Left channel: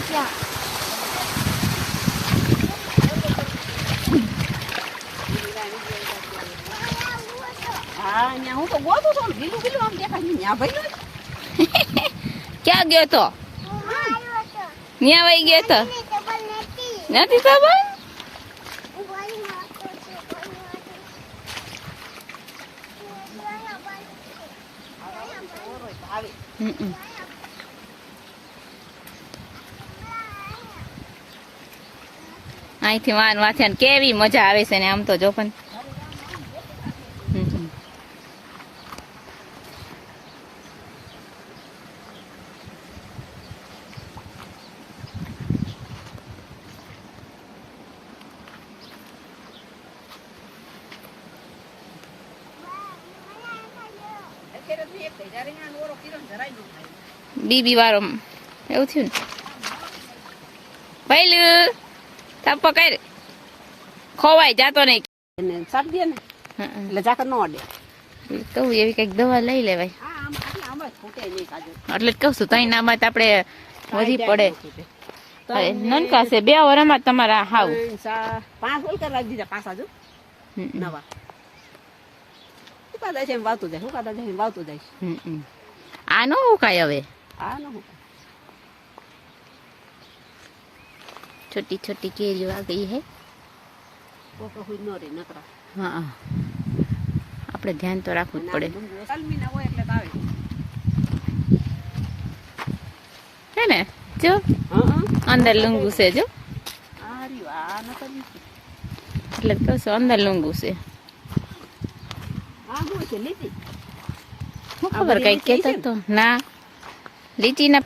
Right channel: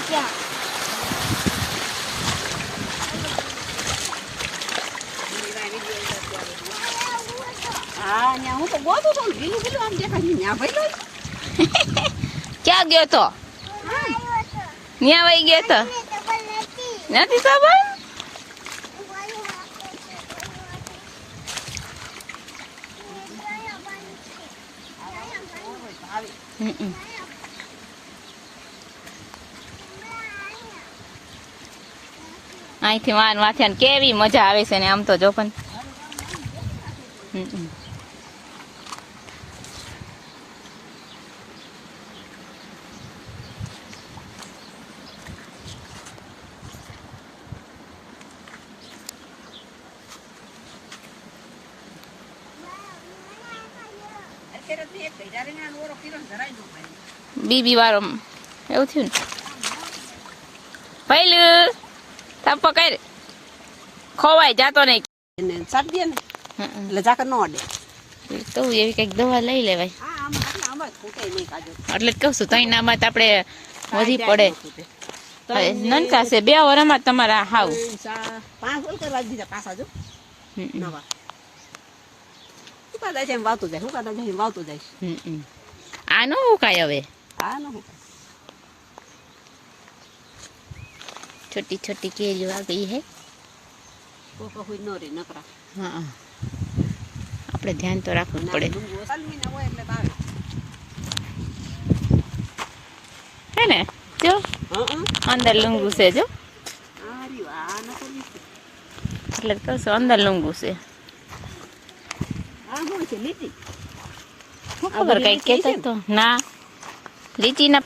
ત્યાં. હા ત્યાં હું તો ગોતો તો ગીલું ગીલું આમ દેખાય ત્યાં ભાઈ ક્યાં ગયો તો? ત્યાં વહી ગયો તો? નથી ખબર? હમ. અહીંથી વાન વાથે કેવી મજા આવે છે ને આમ તો જો પણ. બીબી વાળો. એવું થયું ને. પહેલું થપ્પો કર ખોવાય જાતો નહીં. એને સાટ દે ને. એટલે જાકર ન અડે. તો એવી કંઈક દવા લઈ લેવાય. એટલે જ કહું છું તઈ નામાં આપણે વધી પડે. નનકા છે બે વરમાં તમારા હાવ. પાંચ ઓલ કરવા દીધા પાછા જો. નવા. ઉકાદા છે? એમ વાવતું જાય ઉકાદા જાય એમ વાવતું જાય. આ નો ઉકાય હવે? હા ન હુકાય છોટી छोटी કેરીઓ आ गई है। ન હા આપણે ધ્યાન તો રાખવું પડે ના હે ને જો અંદર લુંગુ છે. જો ન એટલે કહું છું અંદર લુંગુ છે ખબર કઈ કેતો તો? ના. લીચીના